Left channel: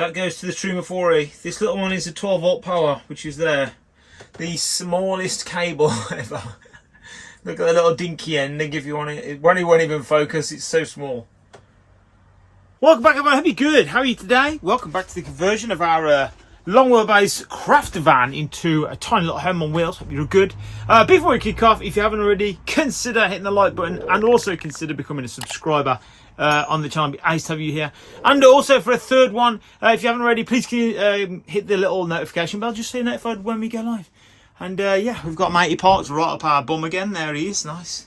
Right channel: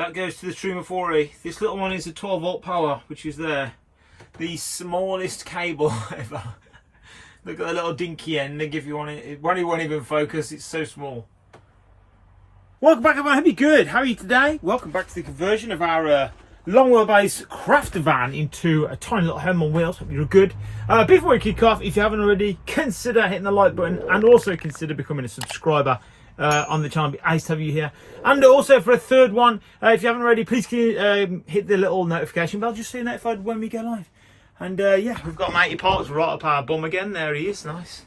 That goes to the TRUMA 4E. This little one is a 12 volt power, which is there. The smallest cable ever. Look at the little dinky end they give you on it. It won't even focus, it's so small. Welcome back everyone, I hope you're good. How are you today? Welcome back to the conversion of our long wheelbase crafter van into a tiny little home on wheels. Hope you're good. Before we kick off, if you haven't already, consider hitting the like button and also consider becoming a subscriber on the channel. It'd be nice to have you here. And also for a third one, if you haven't already, please hit the little notification bell just so you're notified when we go live. And yeah, we've got Matey parked right up our bum again. There he is, nice.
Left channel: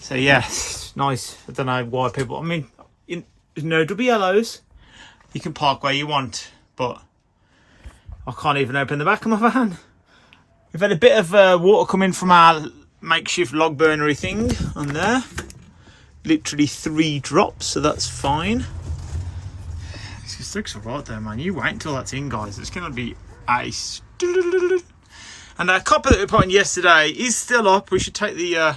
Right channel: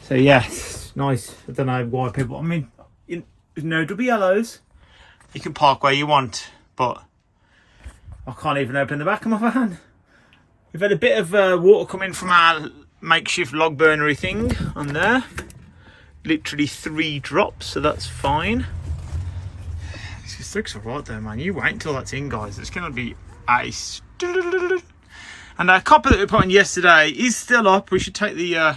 So yeah, it's nice. I don't know why people, I mean, there's no double yellows. You can park where you want, but I can't even open the back of my van. We've had a bit of water coming from our makeshift log burnery thing on there. Literally 3 drops, so that's fine. This just looks alright though, man. You wait until that's in, guys. It's going to be ice. And our copper that we put in yesterday is still up. We should take the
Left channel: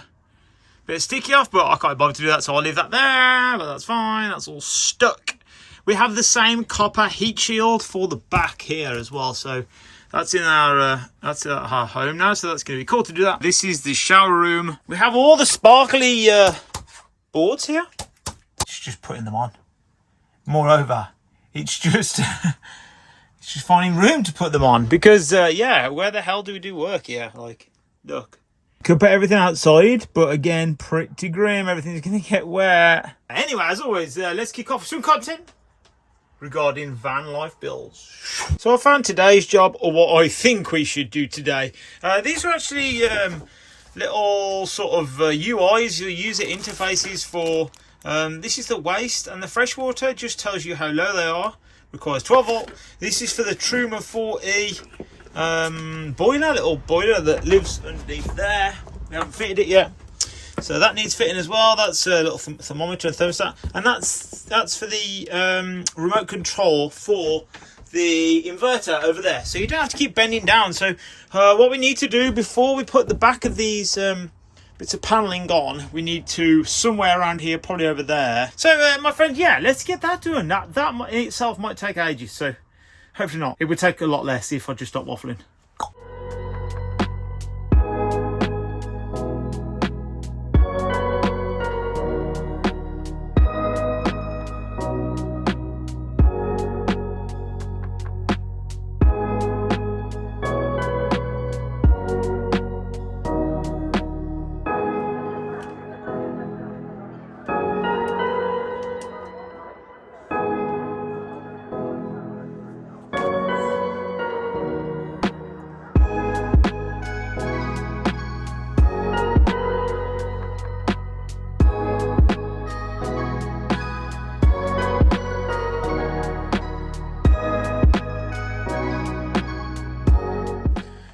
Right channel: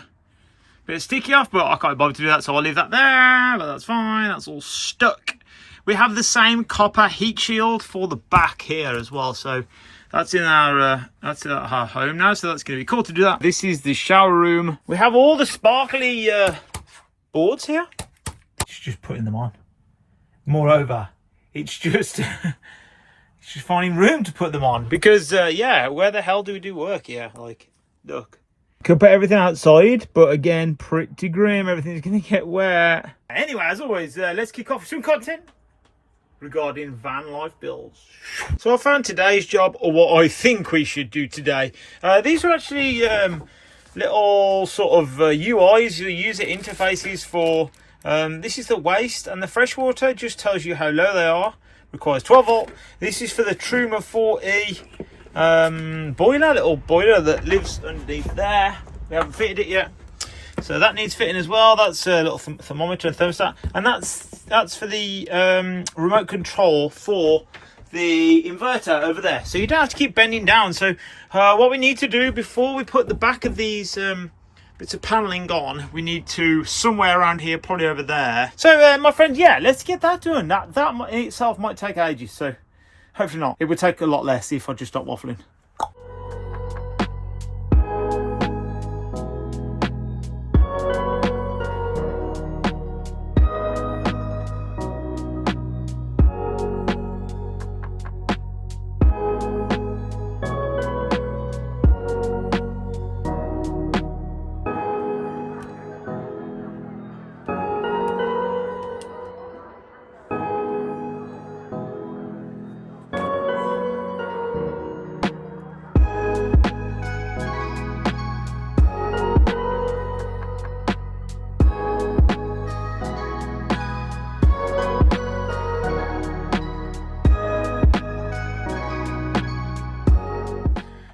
bit of sticky off, but I can't bother to do that, so I'll leave that there. But that's fine. That's all stuck. We have the same copper heat shield for the back here as well, so that's in our home now. So that's going to be cool to do that. This is the shower room. We have all the sparkly boards here. It's just putting them on. Moreover, it's just it's just finding room to put them on because yeah, where the hell do we do work here? Like, look, could put everything outside, but again, pretty grim. Everything's gonna get wet. Anyway, as always, let's kick off with some content regarding van life builds. So I found today's job, or what I think we should do today. These are actually little sort of UIs, user interfaces for this is the waste and the freshwater. Just tells you how low they are. Requires 12 volt. This is for the TRUMA 4E boiler, little boiler that lives underneath there. We haven't fitted it yet, so that needs fitting as well. That's a little thermometer and thermostat, and that's for the remote control for the inverter over there, so you don't have to keep bending down. So what we need to do before we put the back of these bits of paneling on, we need to somewhere around here, probably over there. So my friends, yeah, let's get that done. That in itself might take ages, so hopefully not. It would take a lot less if I just stop waffling.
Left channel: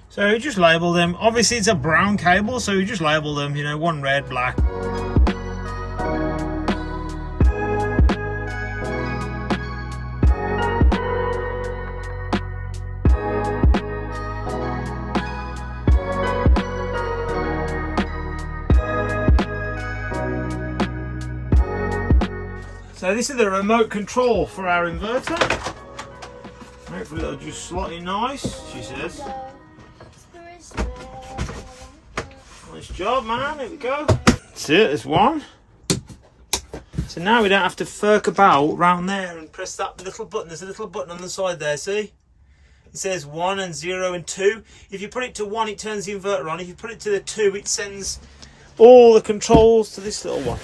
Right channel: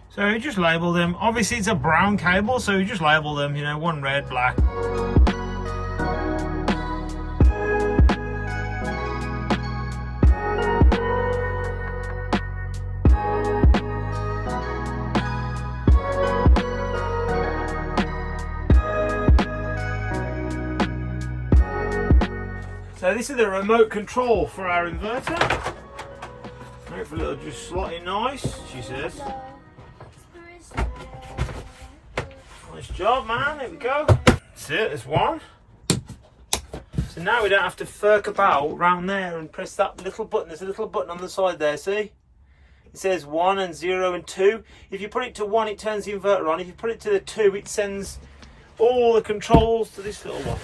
So you just label them. Obviously it's a brown cable, so you just label them, you know, one red, black. So this is the remote control for our inverter. Hopefully it'll just slot in nice, she says. Nice job, man. There we go. That's it. There's one. So now we don't have to furk about round there and press that little button. There's a little button on the side there. See? It says 1 and 0 and 2. If you put it to 1, it turns the inverter on. If you put it to the 2, it sends all the controls to this little one.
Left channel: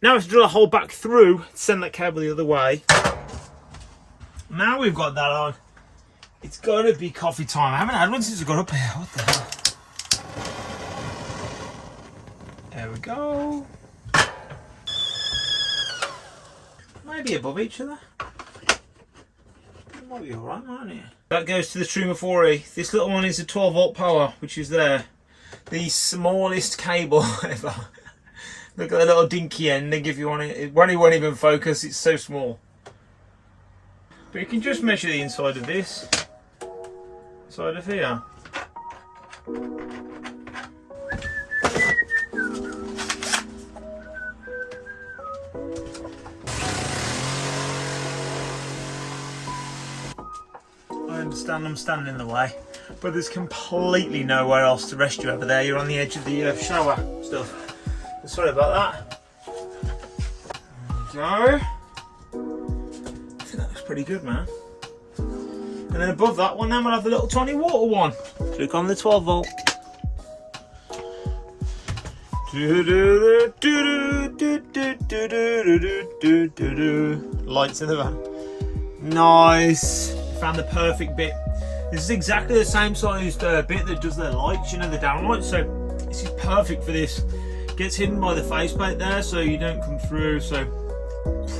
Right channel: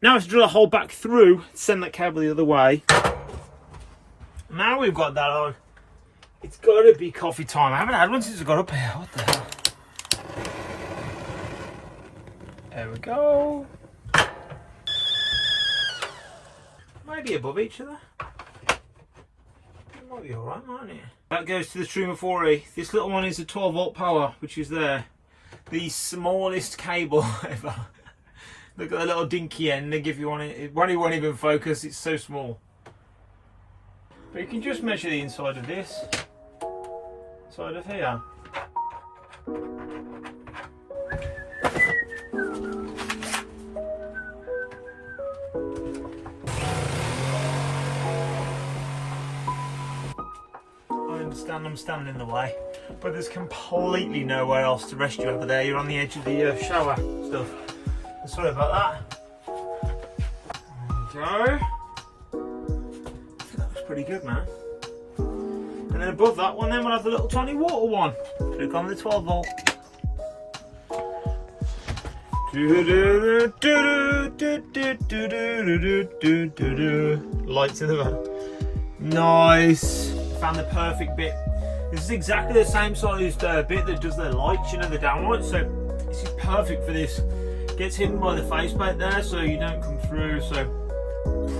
Now I have to drill a hole back through, send that cable the other way. Now we've got that on. It's got to be coffee time. I haven't had one since I got up here. What the hell? There we go. Maybe above each other. It might be alright, mightn't it? That goes to the TRUMA 4E. This little one is a 12 volt power, which is there. The smallest cable ever. Look at the little dinky end they give you on it. It won't even focus, it's so small. But you can just measure the inside of this. Side of here. understand I'm standing in the way, but there's completely nowhere else to rest you over there. You're on the edge of the shower stuff. Sorry about that. There we go. I think that looks pretty good, man. And then above that one, then we'll have the little tiny water one. Click on the 12 volt. Lights in the van. Nice. Found the perfect bit. This is exactly the same sized bit that does the lights, you know, the downlights. So this is perfect for this. Gets hidden by the faceplate there, so you don't come through. So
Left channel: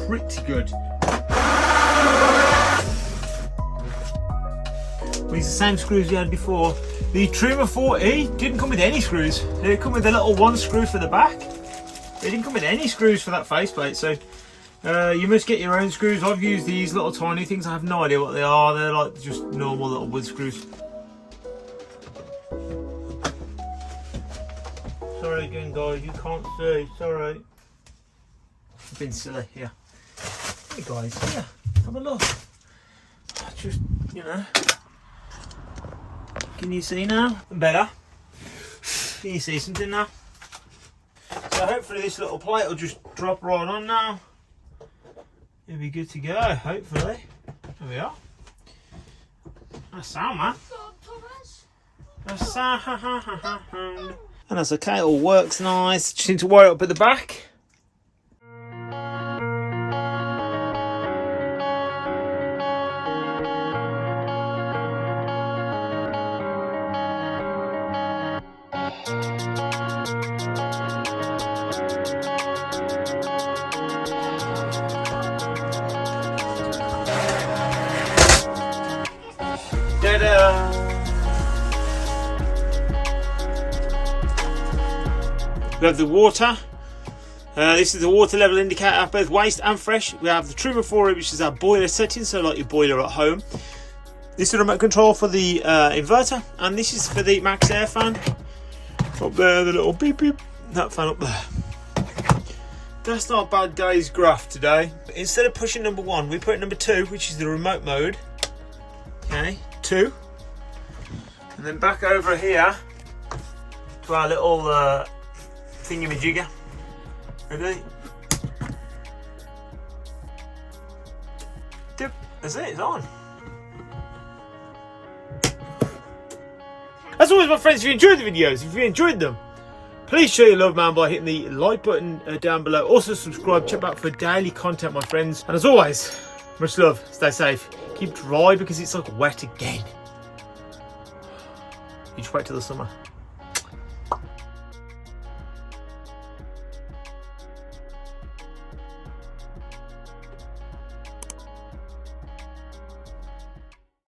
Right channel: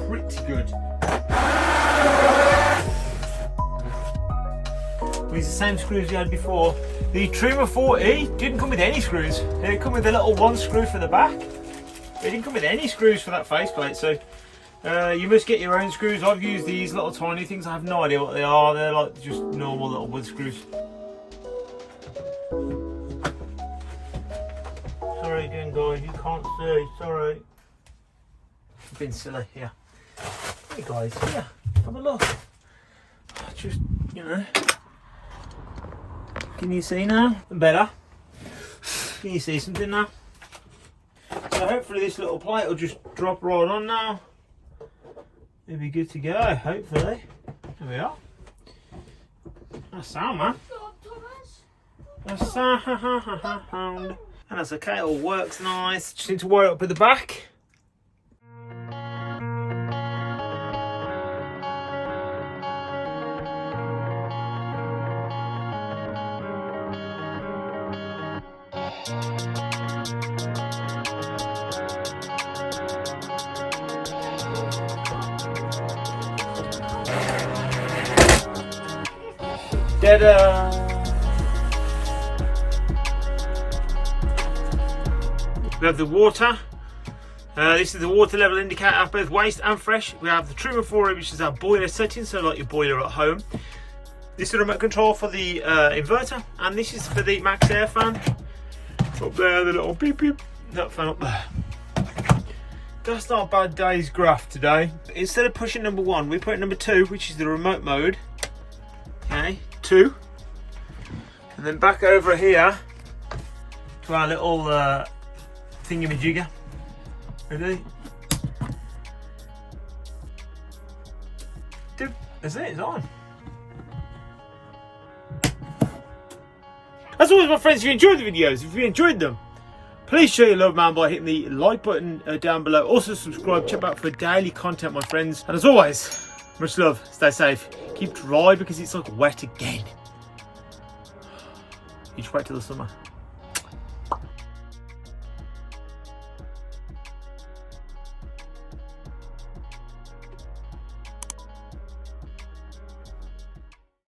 pretty good. These are the same screws we had before. The TRUMA 4E didn't come with any screws. It didn't come with a little one screw for the back. It didn't come with any screws for that faceplate. So you must get your own screws. I've used these little tiny things. I have no idea what they are. They're like just normal little wood screws. Sorry again, guys. You can't see. Sorry. I've been silly. Here. Hey guys. Here. Have a look. Just, you know. Can you see now? Better. Can you see something now? So hopefully this little plate will just drop right on now. It'll be good to go, hopefully. There we are. That's sound, man. That's sound. And that's okay, it all works nice. Just need to wire it up at the back. We have the water. This is the water level indicator, both waste and fresh. We have the TRUMA 4, which is our boiler setting, so like your boiler at home. This is the remote control for the inverter, and this is for the max air fan. Up there, the little beep beep. That fan up there. That's not a bad day's graph today. But instead of pushing number 1, we put number 2, which is the remote mode. Okay, 2. And then back over here to our little thingamajigger. Ready? Dip. That's it, it's on. As always, my friends, if you enjoyed the videos, if you enjoyed them, please show your love, man, by hitting the like button down below. Also subscribe, check out for daily content, my friends. And as always, much love, stay safe, keep dry because it's like wet again. You just wait till the summer.